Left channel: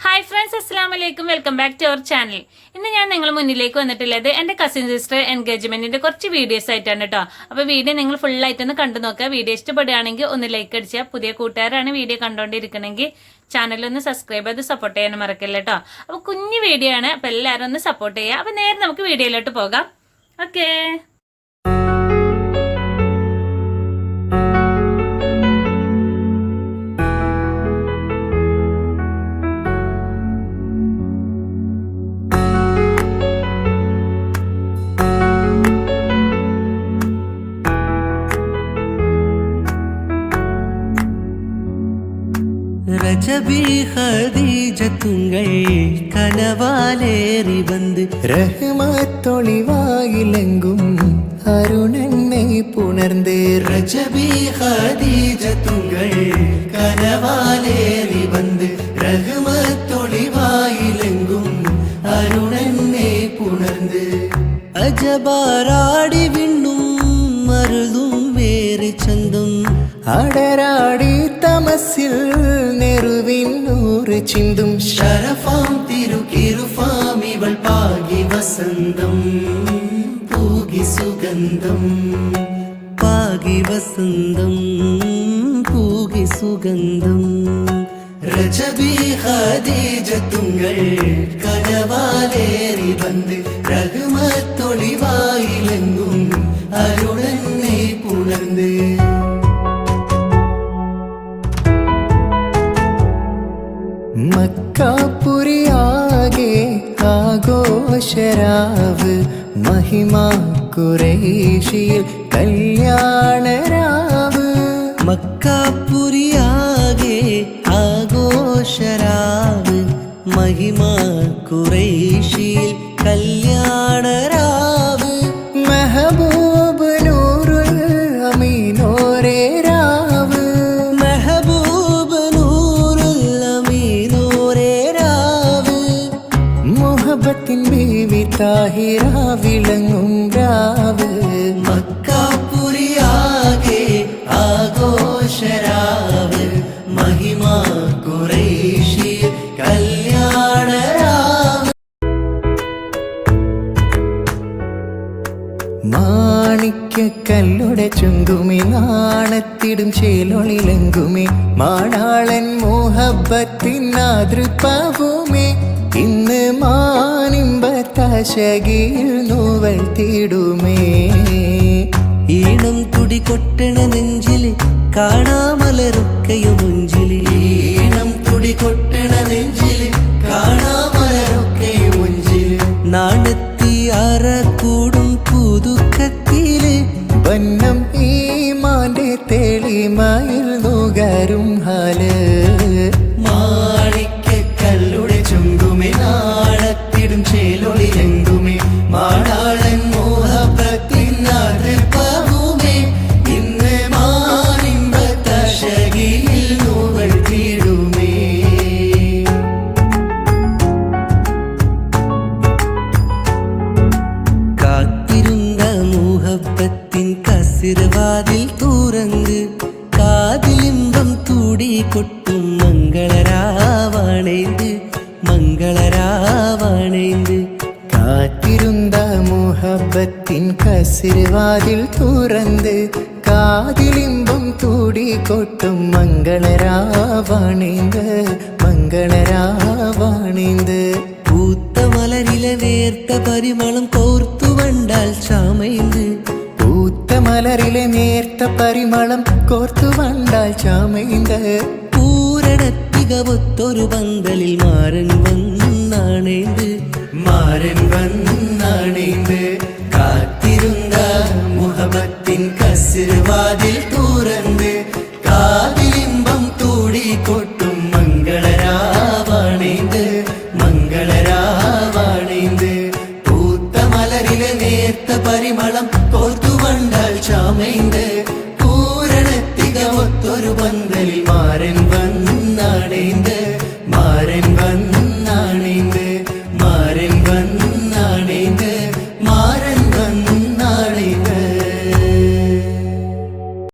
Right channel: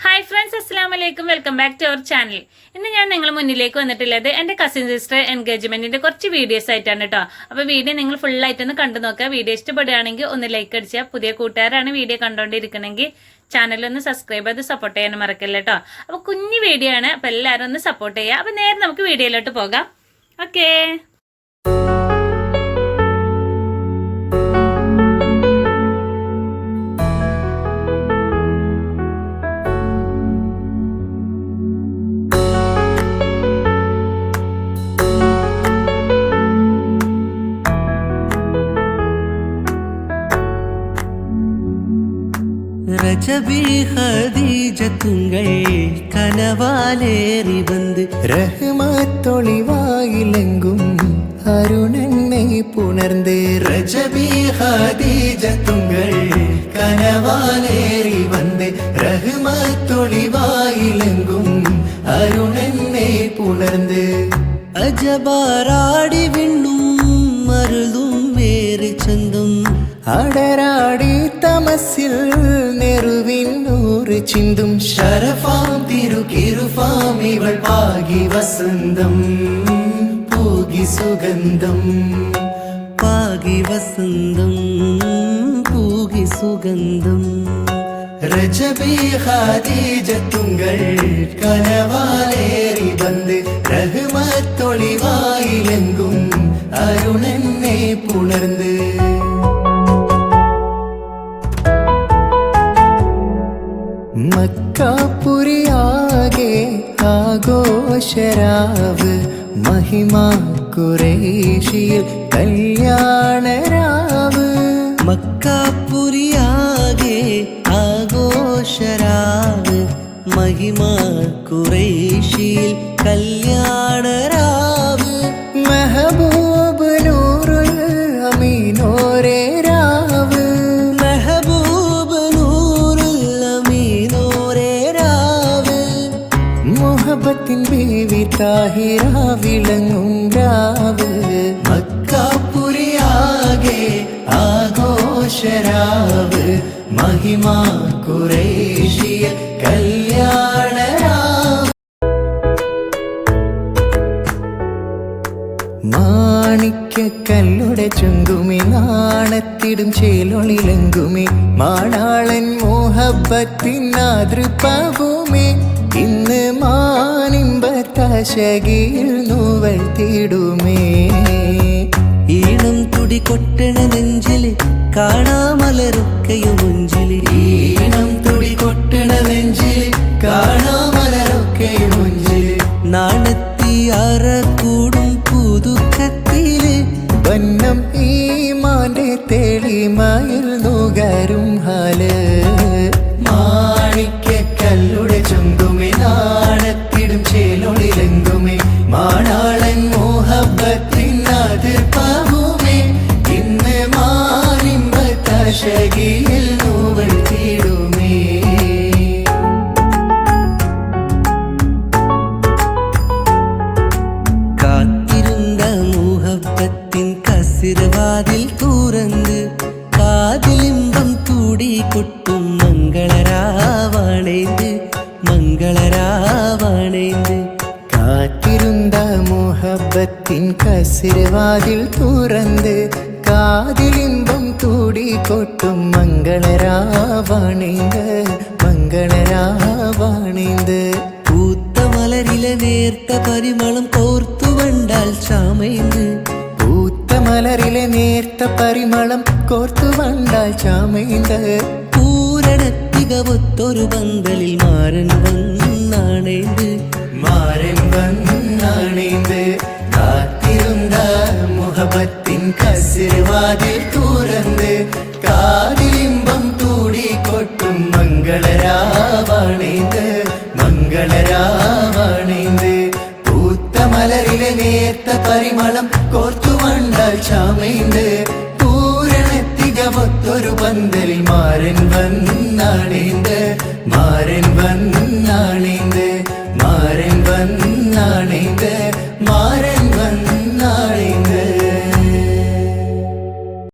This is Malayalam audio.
ഹായ് ഫ്രണ്ട്സ്, അസ്സലാമു അലൈക്കും. Welcome back to our channel. ഇന്ന് ഞാൻ നിങ്ങൾ മുന്നിലേക്ക് വന്നിട്ടുള്ളത് എൻ്റെ കസിൻ സിസ്റ്റർ എൻഗേജ്മെൻറ്റിൻ്റെ കുറച്ച് വീഡിയോസ് ആയിട്ടാണ് കേട്ടോ. അപ്പോൾ വീഡിയോ നിങ്ങൾ ഫുള്ളായിട്ടൊന്ന് കണ്ടു നോക്കുക. വീഡിയോ ഇഷ്ടപ്പെടുകയാണെങ്കിൽ ഒന്ന് ലൈക്ക് അടിച്ചാൽ, പുതിയ കൂട്ടുകാരാണ് വീഡിയോ കണ്ടുകൊണ്ടിരിക്കണമെങ്കിൽ ചാനലൊന്ന് സബ്സ്ക്രൈബ് ചെയ്ത് സപ്പോർട്ട് ചെയ്യാനും മറക്കല്ല കേട്ടോ. അപ്പോൾ കുഞ്ഞു വീഡിയോ ആണ്, അപ്പോൾ എല്ലാവരും ഒന്ന് സപ്പോർട്ട് ചെയ്യുക. അപ്പോൾ നേരെ നമുക്ക് വീഡിയോയിലോട്ട് പോകാം. ഓക്കേ. ரஜபி ஹதீஜத்துங்கள் கனவாலேறி வந்து ரஹ்மத்தொளிவாயிலெங்கும் அருணனை புணர்ந்து ரஜபி ஹதீஜத்துங்கள் கனவாலேறி வந்து ரஹ்மத்தொளிவாயிலெங்கும் அருணனை புணர்ந்து അജബാറാടി വിണ്ണും മരുളും വേറെ ചന്തം അടരാടി തമസിൽ നെറുവിൻ നൂറ് ചിന്തും ശരഫാം തിരുക്കിരുഫാം ഇവൾ പാകി വസന്തം പൂകി സുഗന്ധം പാകി വസന്തം പൂകി സുഗന്ധം രജബി ഖദീജത്തുങ്കൾ കനവാലേറി വന്ന് റഹ്മത്തൊളിവായിലെങ്കും അരുണനെ പുണർന്ന് മക്കാപുരിയാകെ ആഘോഷരാവ് മഹിമാ ഖുറൈശിയിൽ കല്യാണരാവ് മക്കാപുരിയാകെ ആഘോഷരാവ് മഹിമാ ഖുറൈശിയിൽ കല്യാണരാവ് മെഹബൂബ് നൂറുൽ അമീനോരേ രാവ് മെഹബൂബ് നൂറുൽ അമീനോരേ രാവ് മുഹബത്തിൻ ബീവി താഹിറ വിളങ്ങും രാവ് മക്കാപുരിയാകെ ആഘോഷരാവ് മഹിമാ ഖുറൈശിയിൽ കല്യാണരാവ് മാണിക്കല്ലുടെ ചുങ്കുമി നാണത്തിടും ചേലൊളിലെങ്കുമേ മാണാളൻ മോഹബത്തിൻ ആതൃപ്പവുമേ ഇന്ന് മാനിമ്പത്താശകിയിൽ നൂവൽ തീടുമേ ഈണം തുടി കൊട്ടണ നെഞ്ചില് കാണാമലരൊക്കെയും മുഞ്ചില് ഈണം തുടി കൊട്ടണ നെഞ്ചില് കാണാമലരൊക്കെയും മുഞ്ചില് നാണത്തിയാറ കൂടും പുതുക്കത്തില് വന്നം ഈമാന്റെ തെളിമയിൽ നുകരും ഹാല് മാണിക്കല്ലുടെ ചുങ്കുമേ നാണത്തിടും ചേലൊളിലെങ്കുമേ മാണാളൻ മോഹബത്തിൻ ആതൃപ്പവുമേ ഇന്ന് മാനിമ്പത്താശകിയിൽ നൂവൽ തീടുമേ കാത്തിരുന്ന മുഹബത്തിൻ കസിർവാതിൽ തുറന്ന് കാതിലിമ്പം തൂടി കൊട്ടും മംഗളരാവണേന്ത് മംഗളരാവണേന്ത് കാത്തിരുന്ന മുഹബത്തിൻ കസിർവാതിൽ തുറന്ന് കാതിലിമ്പം തൂടി കൊട്ടും മംഗളരാവണേന്ത് മംഗളരാവണേന്ത് പൂത്ത മലരിലെ നേർത്ത പരിമളം കോർത്തു വണ്ടാൽ ചാമൈന്ത് പൂത്ത മലരിലെ നേർത്ത പരിമളം കോർത്തു വണ്ടാൽ ചാമൈന്ത് പൂരണത്തികവൊത്തൊരു പന്തലിൽ മാരൻ വന്നാണേന്ത് മാരൻ വന്നാണേന്ത് കാത്തിരുന്ന മുഹബത്തിൻ കസിർവാതിൽ തുറന്ന് കാതിലിമ്പം കൂടി കൊട്ടും മംഗളരാവണേന്ത് മംഗളരാവണേന്ത് പൂത്ത മലരിലെ നേർത്ത പരിമളം കോർത്തു വണ്ടാൽ ചാമൈന്ത് പൂരണത്തികവൊത്തൊരു പന്തലിൽ മാരൻ വന്നാണേന്ത്